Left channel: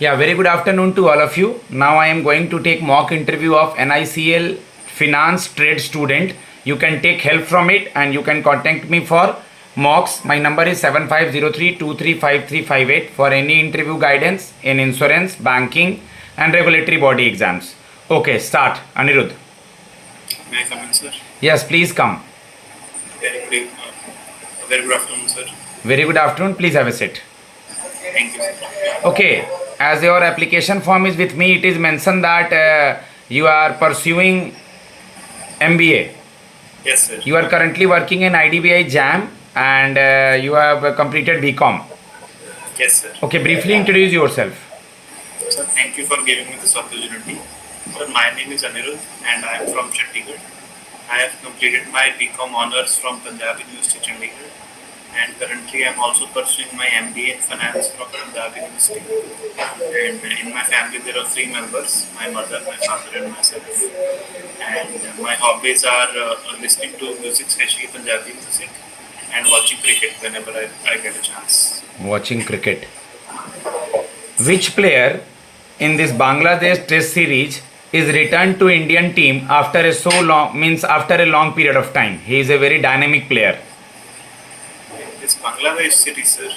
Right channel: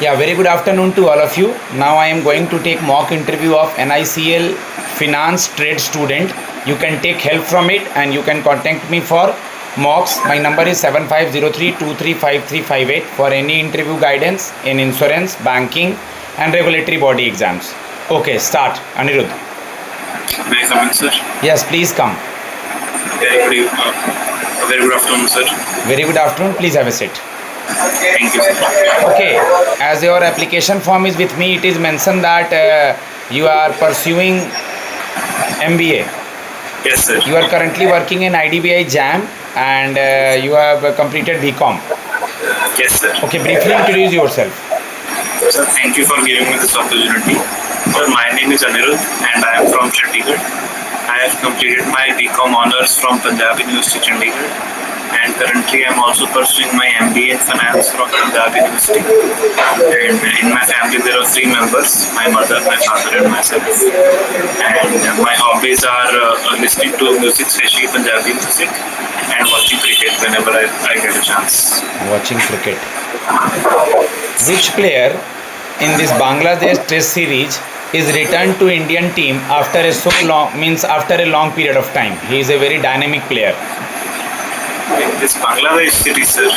Yeah, very good afternoon to all of you. Now I am going to take mock interview of NICL finance trade student. You can take help from it and you can contact me for mocks. My number is 7503235358 for any interview guidance in insurance, banking and regulatory body exams. Okay, start. Anirudh. May I come in, sir? Yes, please come. Very good afternoon, sir. Very good afternoon. Please have a seat. Thank you, sir. Okay, as your application form is with me, it is mentioned that you are pursuing MBA. Yes, sir. You are currently working in IDBI JAM and you have completed BCom. Yes, sir. Okay, briefly introduce yourself. Sir, thank you for giving me this opportunity. Sir, my name is Anirudh and I am from Chandigarh. I have completed my BCom honors from Punjab University, Chandigarh. And currently I am also pursuing my MBA in finance from Punjab University. And in my family there are 3 members, my mother, my father and myself. And my hobbies are listening to music, especially Punjabi music, and watching cricket whenever I get a chance. Watching cricket. Which player in this Bangladesh Test series is returned to Indian team after a long period of time? He is a very dynamic player. This Bangladesh series, sir.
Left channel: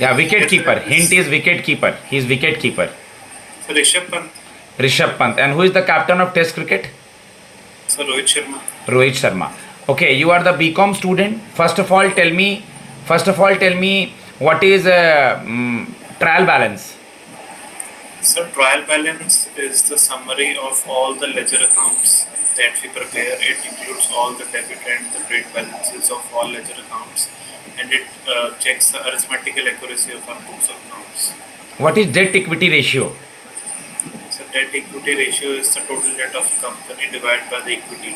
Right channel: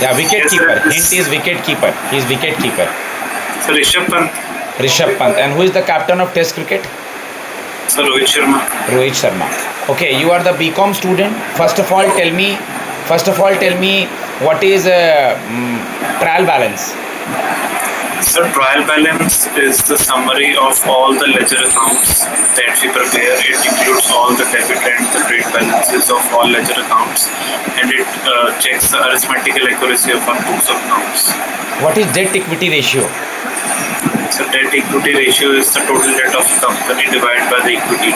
Yeah, wicket keeper. Hint is wicket keeper. He is wicket keeper. Sir, Rishabh Pant. Rishabh Pant. And who is the captain of Test cricket? Sir, Rohit Sharma. Rohit Sharma. Okay, you are the BCom student. First of all, tell me what is trial balance. Sir, trial balance is the summary of all the ledger accounts that we prepare. It includes all the debit and the credit balances of all ledger accounts, and it checks the arithmetical accuracy of our books of accounts. What is debt equity ratio? So debt equity ratio is the total debt of the company divided by the equity.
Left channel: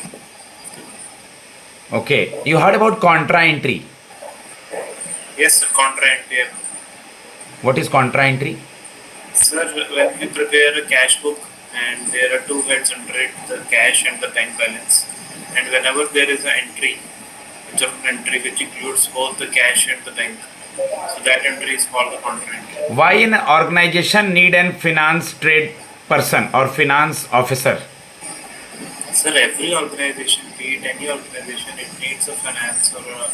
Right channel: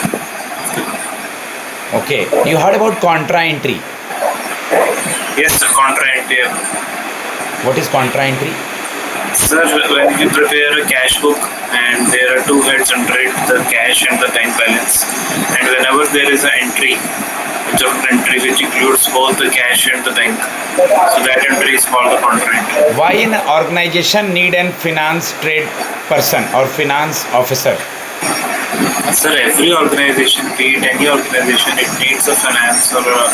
Okay, you heard about contra entry. Yes, sir, contra entry. What is contra entry? Sir, when we prepare a cash book and there are 2 heads under it, the cash and the bank balance, and whenever there is an entry, a journal entry which includes both the cash and the bank, so that entry is called the contra entry. Why an organization need an finance trade person or finance officer? Sir, every organization, be it any organization, it needs a finance or a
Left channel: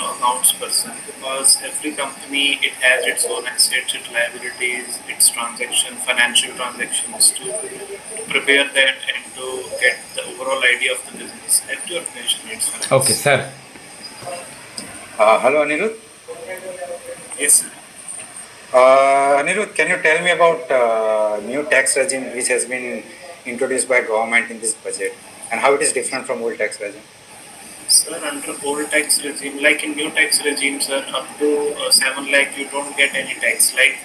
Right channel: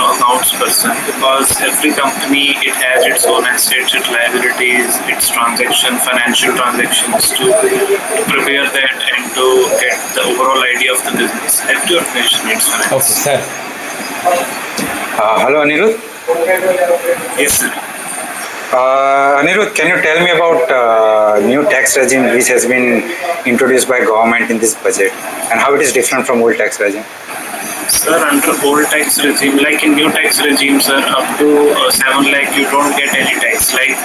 accounts person, because every company, it has its own assets, its liabilities, its financial transactions to prepare that and to get the overall idea of the business. Every organization needs finance. Okay, sir. Hello, Anirudh. Yes, sir. Anirudh, can you tell me about new tax regime which has been introduced by government in this budget and how it is different from old tax regime? Sir, under old tax regime, like in new tax regime, sir, up to 7 lakh you don't get any tax. Like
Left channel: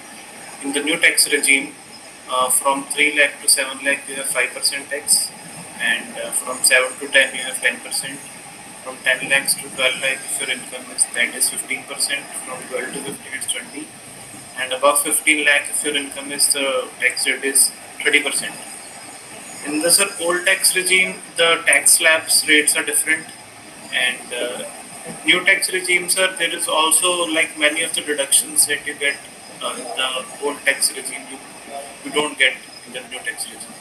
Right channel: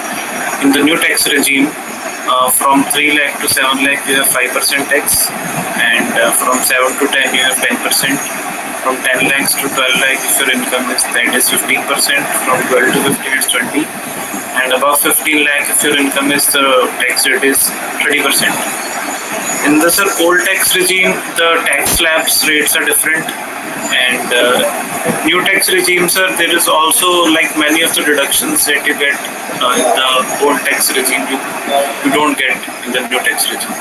in the new tax regime, from 3 lakh to 7 lakh you have 5% tax, and from 7 to 10 you have 10%. From 10 lakhs to 12 lakh if your income is 15%. From 12 to 15 is 20%. And above 15 lakh if your income is, the tax rate is 30%. In the old tax regime, the tax slabs rates are different, and new tax regime, sir, there is also like many of the deductions that you get in the old tax regime you don't get in the new tax regime.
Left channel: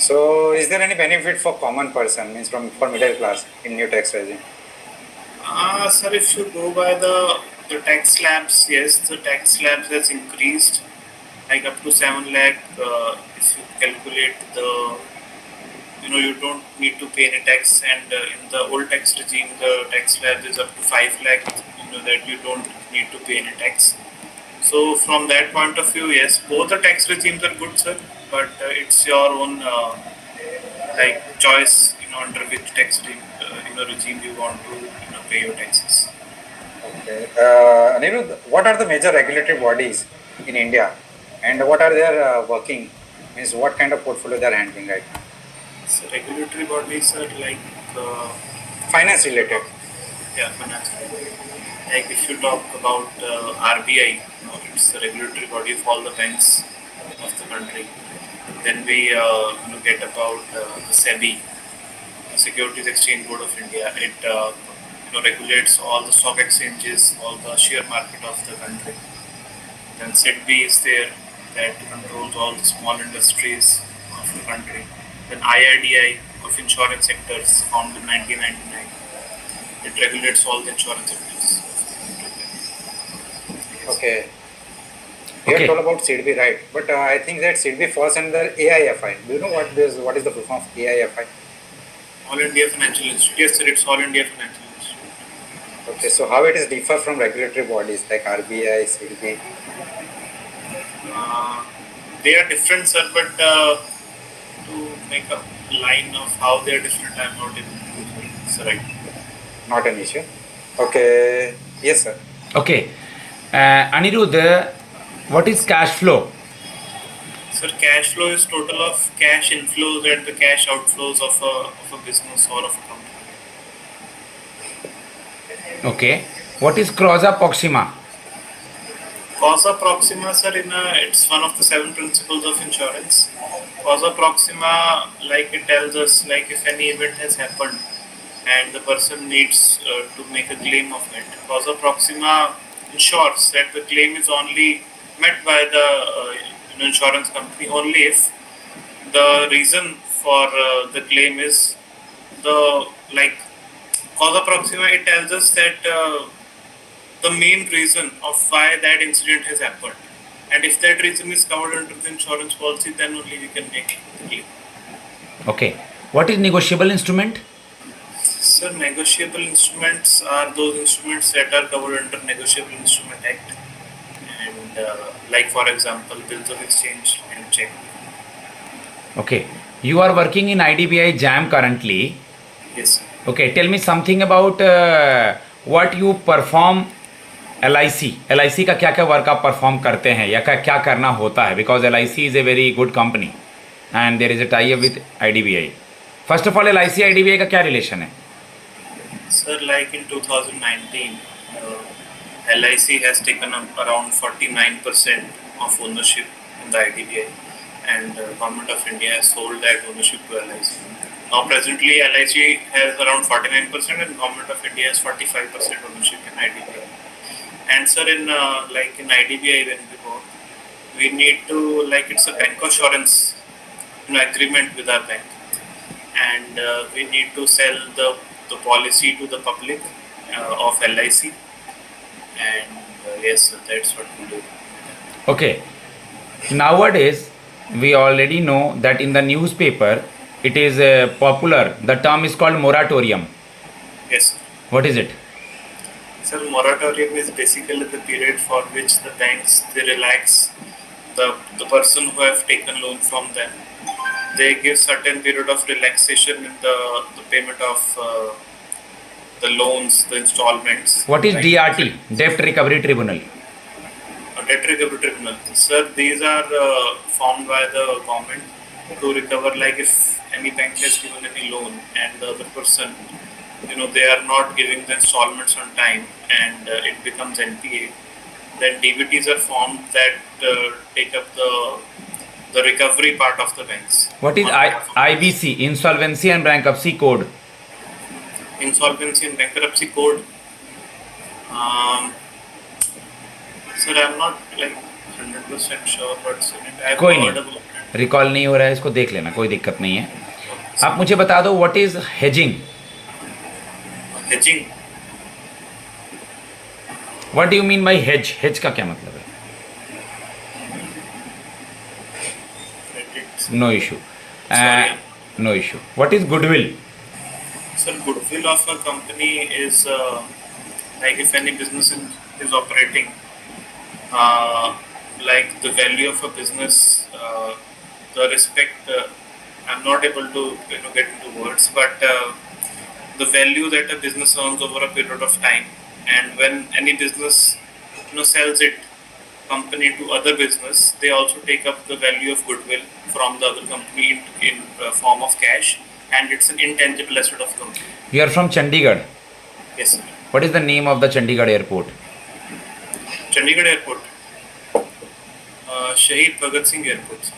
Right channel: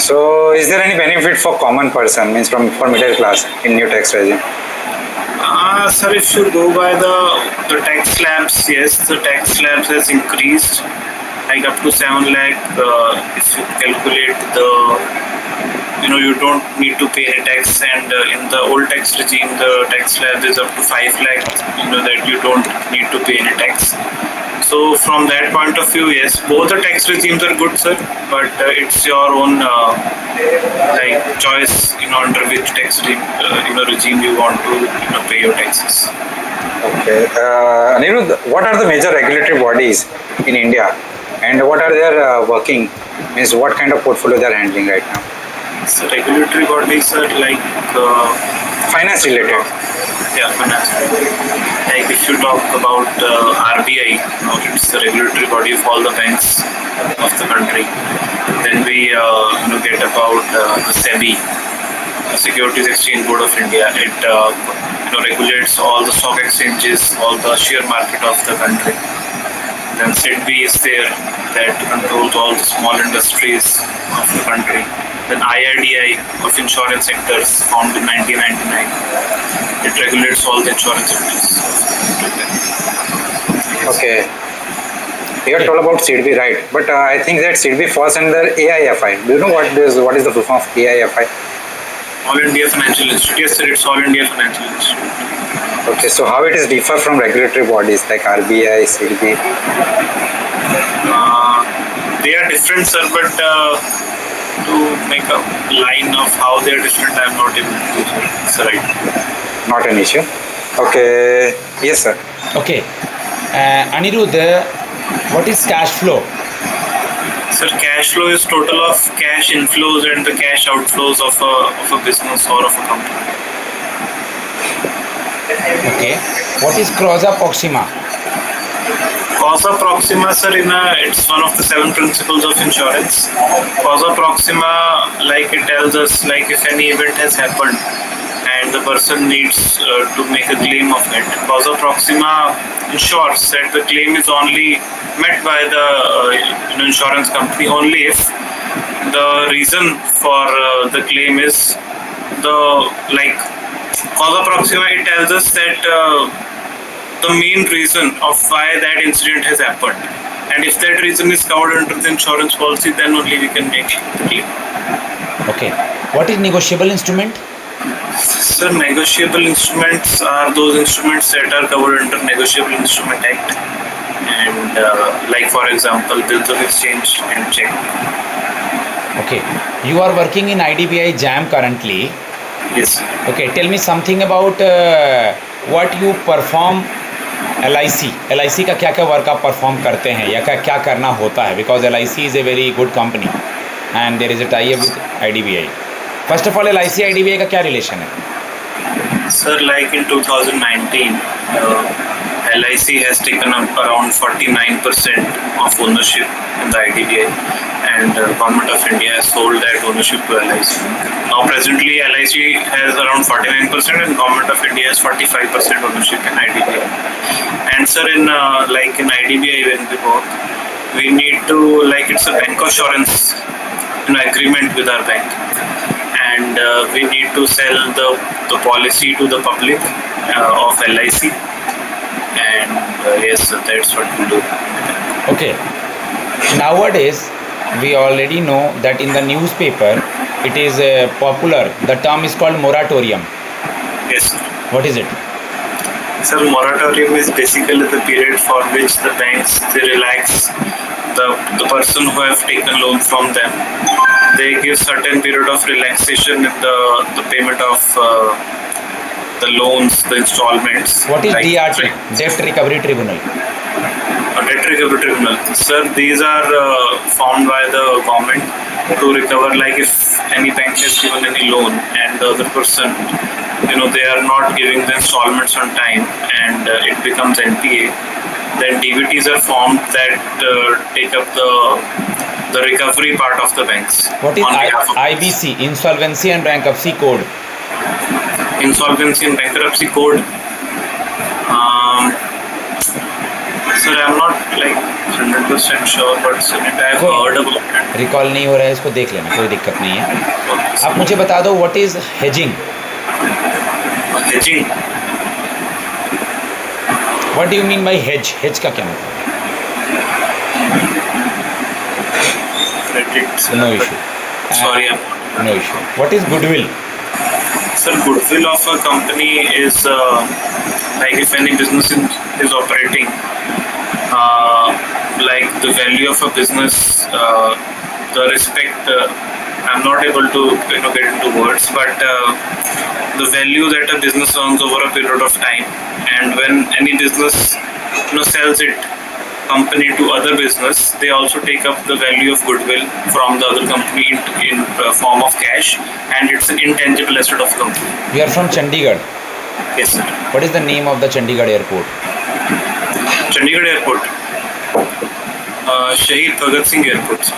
So, is there any benefit for common person, means for middle class in new tax regime? Sir, if you go by the tax slabs, yes, the tax slabs has increased, like up to 7 lakh. If you calculate you don't need to pay any tax, and in the old tax regime, the tax slab is up to 5 lakh. That you don't need to pay any tax. So from that point of view, yes, both the tax regimes are good, sir, but it's your own choice, under which tax regime you want to pay your taxes. Okay, Anirudh, what are the major regulatory bodies in India, and what are their working? Means what kind of portfolio they are handling right now? So regulatory bodies are like finance related. Yeah, finance. Like if you talk about RBI, it's the regulatory body of all the banks of the country. Then we get about the SEBI, Securities Exchange Board of India. It regulates all the stock exchanges, all the share market of the country. then SIDBI is there that controls all the small industries of the country. Then IRDI of insurance sectors formed in 1999. It regulates all the insurance sectors. Okay. You have Okay. told about SIDBI, right? But I think that SIDBI falls under AIFI. Do you know what is the full form of AIFI? All India Financial Institute. Yes, sir, it's All India Financial Institute. Okay, so how it is differ from regulatory bodies like RBI, SIDBI? They are different, sir, but to make a line of how they are different, I am not able to do so. It's right. Not an issue. Okay. Yes, sir. Okay. Anirudh, what is cash flow? Sir, cash flow is total of cash inflows and the cash outflows of a business or of a company. Okay. What is causa proxima? Causa proxima, sir, it's one of the 7 principles of insurance. Causa proxima, like it tells us, like if any event has happened and the person needs to make a claim of it. Causa proxima ensures that the claim is only met by the insurance company only if the reason for the claim is causa proxima. It tells us that the main reason of why that incident has happened, and if that reason is covered under the insurance policy, then only we can make the claim. Okay. What is negotiable instrument? Sir, negotiable instruments are those instruments that are covered under Negotiable Instrument Act, and like for example, bills of exchange and check. Okay. You are working in IDBI JAM currently. Yes, sir. Okay. Tell me something about what you perform LIC. LIC का क्या क्या work आप perform करते हैं या क्या करना होता है? Because LIC is a very good company and there is a tie up with IDBI. First of all LIC IDBI का क्या रिलेशन है? Sir, like in 2019, LIC has taken up around 49% of ownership in the IDBI, and Government of India has sold that ownership to LIC. Now, presently, LIC has around 49%, and Government of India has 45% ownership in IDBI. And sir, in IDBI, when we work, we need to it's a bank assurance agreement with our bank. And we need to sell the policy to the public of LIC, and yes, sir, that's what we do. Okay. Nowadays, we already know that in the newspaper, it is popular. The term is called moratorium. Yes, sir. What is it? Sir, moratorium is basically the period for which the banks they relax the person who have taken loan from them. They give certain period of relaxation in the payment of the loans, the installments. What is DRT? Debt Recovery Tribunal. Debt Recovery Tribunal. Sir, these are formed by the government to recover, like if any bank has given any loan and the other person, they are not giving the installments on time and it becomes NPA, then DBTs are formed that take up the recovery part of the banks. What is IBC? Insolvency and Bankruptcy Code. Insolvency and Bankruptcy Code. Sir, I'm not 100% sure, but sir, I have कोई heard नहीं, about it. Recall नहीं हो रहा है, इसको देख लेना, कोई दिक्कत नहीं है. आप मुझे बता दो what is hedging. Hedging. What do you mean by hedge? Hedge का क्या मतलब है? Credit. No issue. Sorry. No issue. What is goodwill? Sir, goodwill of a company is if any business is operating, the value of a business, the respect. I'm not able to get into words, but the value that a business earns over a period of time, and when any business sells it company to other business, they also take up the value of goodwill from the other company in form of cash, and it's an intangible asset of the company. You are from Chandigarh. Yes, sir. What is the name of the Chandigarh airport? Chandigarh Airport. Shahid Bhagat Singh Airport, sir.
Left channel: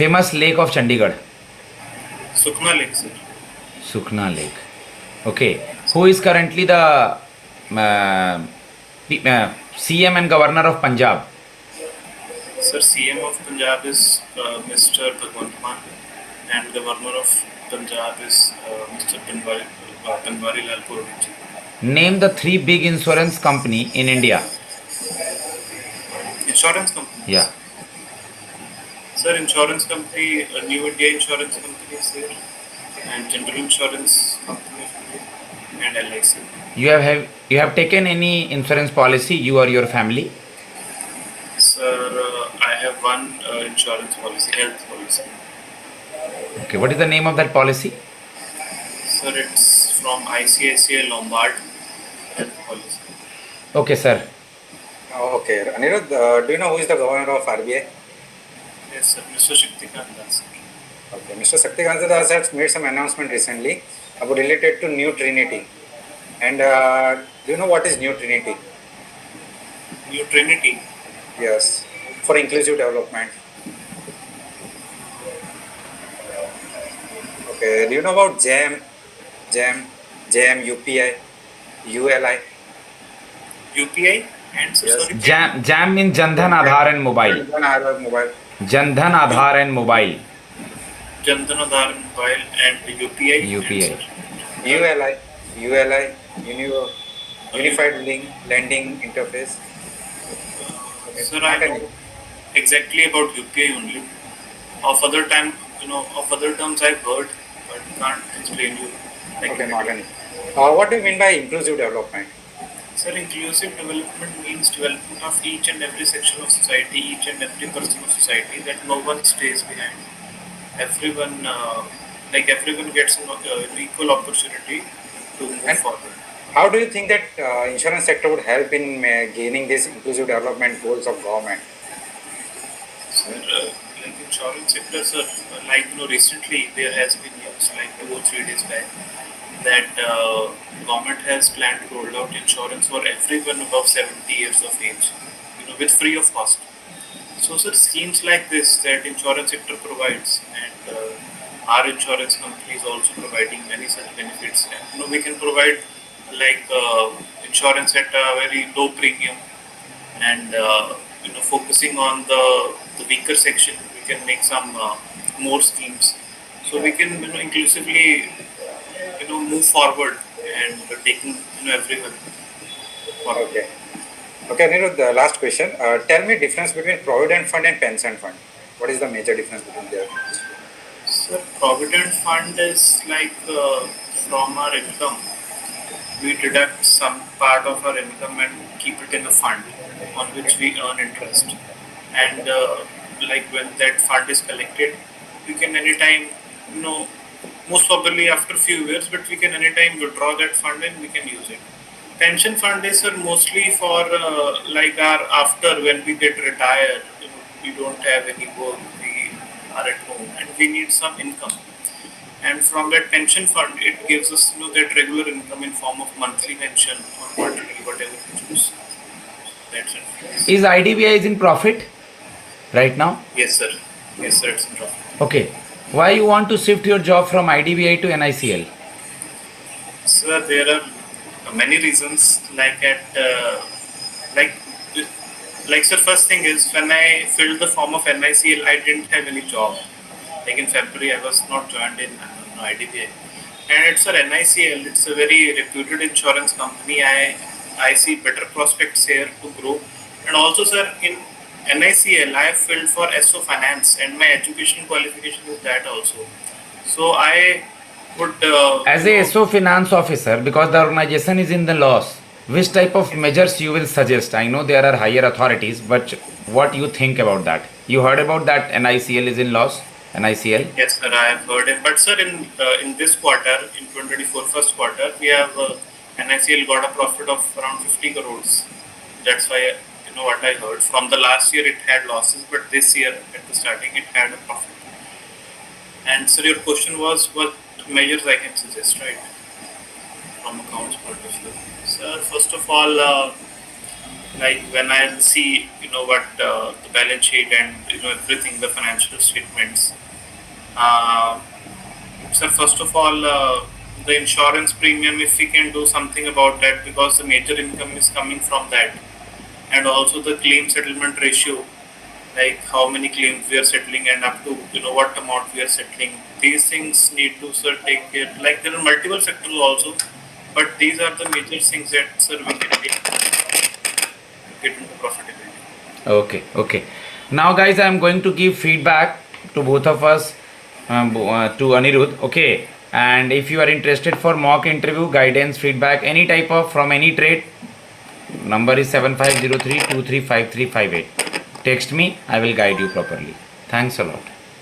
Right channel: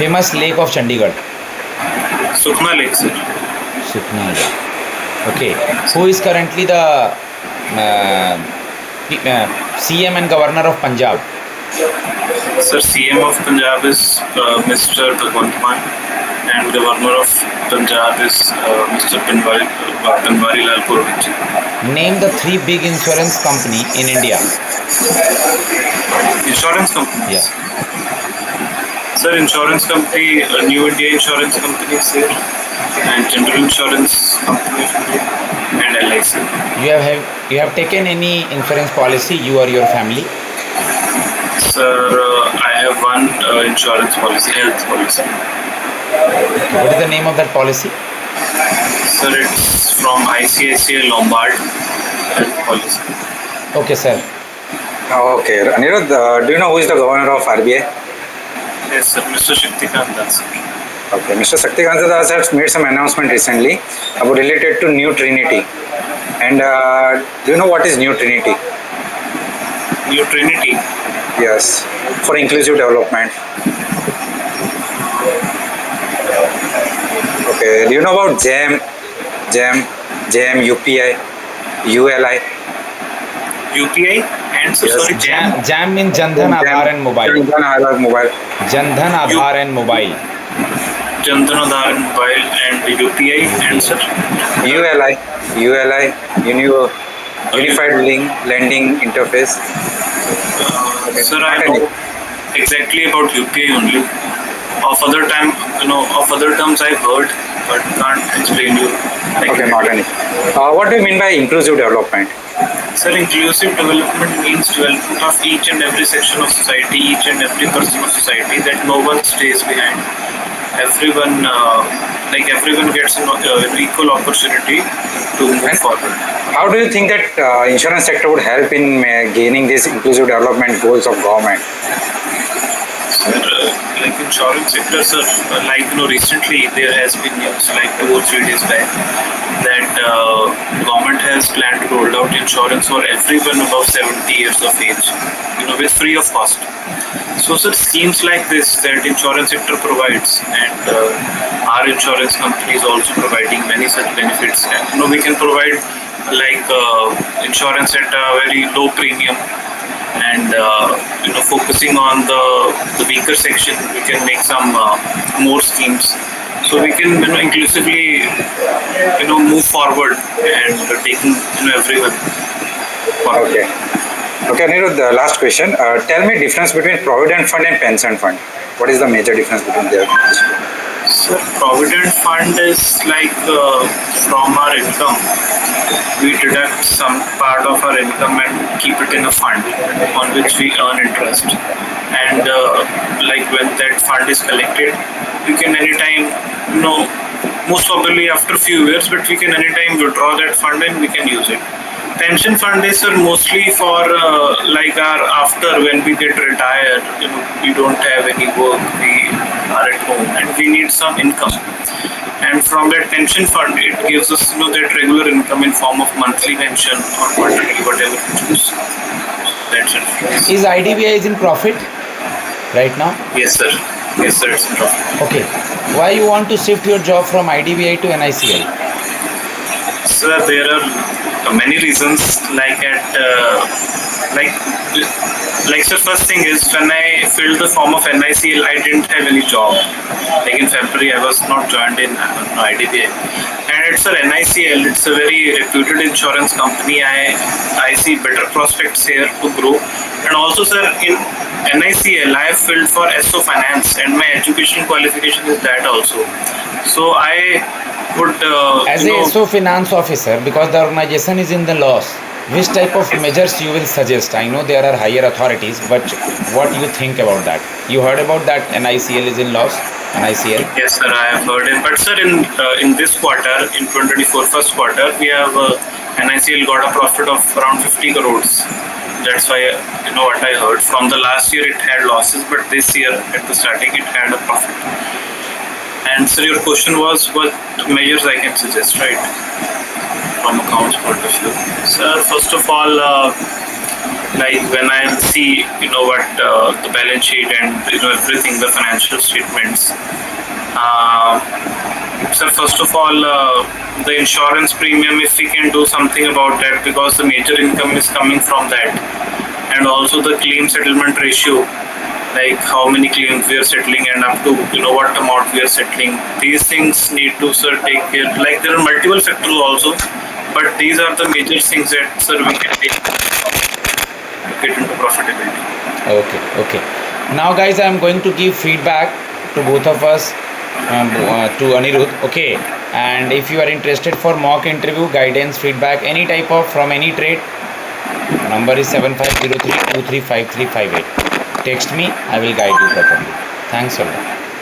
Famous lake of Chandigarh. Sukhna Lake, sir. Sukhna Lake. Okay. Who is currently the CM and Governor of Punjab? Sir, CM of Punjab is Mr. Bhagwant Mann, and Governor of Punjab is Mr. Banwari Lal Purohit. Name the three big insurance company in India. Insurance companies. Yeah. Sir, insurance company, New India Insurance Company is there, and General Insurance Company, and LIC. You have taken any insurance policy, you or your family? Sir, I have one insurance policy, health policy. Okay. What is the name of that policy? Sir, it's from ICICI Lombard health policy. Okay, sir. Okay, Anirudh, do you know who is the governor of RBI? Yes, sir, Mr. Shaktikant Das. Okay, Mr. Shaktikant Das has made some announcement recently about related to New Trinity. And do you know what is New Trinity? New Trinity. Yes, for inclusive development. Okay, do you know about JAM, UPI, ULI? UPI and so Yes. sorry. JAM means Jandhan Aadhaar and Mobile. Mobile. Jandhan Aadhaar and Mobile. Jandan Aadhaar and Mobile and UPI and sir. ULI, Unified Link Lending Interface. Sir, I know exactly about UPI only. Of other terms I've heard, but can't explain you. Okay, not any. What do you mean by inclusive development? Sir, inclusive development means development of each and every section of society, each and every person of society, that no one stays behind. Everyone gets an equal opportunity to move forward. How do you think that insurance sector would help in gaining these inclusive development goals of government? Sir, like insurance sector, sir, recently there has been news like 2 or 3 days back that government has planned to roll out insurance for everyone above 70 years of age, with free of cost. So, sir, schemes like this that insurance sector provides, and our insurance company is also providing many such benefits. And, we can provide insurance at a very low premium, and focusing on the weaker section, we can make some more schemes, so we can inclusively move forward and taking everyone forward. Okay, Anirudh, the last question. Tell me difference between provident fund and pension fund. What is the major difference between them? So provident fund is from our income, we deduct some part of our income and keep it in a fund on which we earn interest. And when that fund is collected, we can anytime, most probably after a few years, but we can anytime withdraw that fund and we can use it. Pension fund is mostly for our after when we get retired, we don't have any work, we are at home and we need some income. And from that pension fund, it gives us that regular income in form of monthly pension or quarterly, whatever we choose. That's it. Is IDBI is in profit right now? Yes, sir. Yes, sir. It's in profit. Okay. Why you want to shift your job from IDBI to NICL? Sir, there are many reasons. Sir, first thing is when I filled the form of NICL, I didn't have any job. Like in February, I was not joined in IDBI. And it's a NICL, it's a very reputed insurance company. I see better prospects here to grow. And also, sir, in NICL, I have filled for SO Finance and my education qualification is that also. So I would... As a SO Finance officer, because the organization is in the loss, which type of measures you will suggest? I know there are higher authorities, but what you think about that? You heard about that NICL is in loss? NICL? Yes, sir, I have heard it. But sir, in this quarter, in 2024 first quarter, we have NICL got a profit of around 50 crores. That's why, what I heard. From the last year, it had losses, but this year, at the starting, it had a profit. And sir, your question was what measures I can suggest, right? From accounts point of view. Sir, first of all, when I see, what the balance sheet and, everything, the financial statements. Sir, first of all, the insurance premium, if we can do something about that, because the major income is coming from that. And also the claim settlement ratio like how many claims we are settling and up to what amount we are settling. These things need to, sir, take care. Like there are multiple factors also, but these are the major things that, sir, we can take to get into profitability. Okay. Now, guys, I am going to give feedback to both of us, to Anirudh. Okay, and if you are interested for mock interview, guidance, feedback, any type of from any trade, number is 7503235358. Text me, I will guide you properly. Thanks a lot.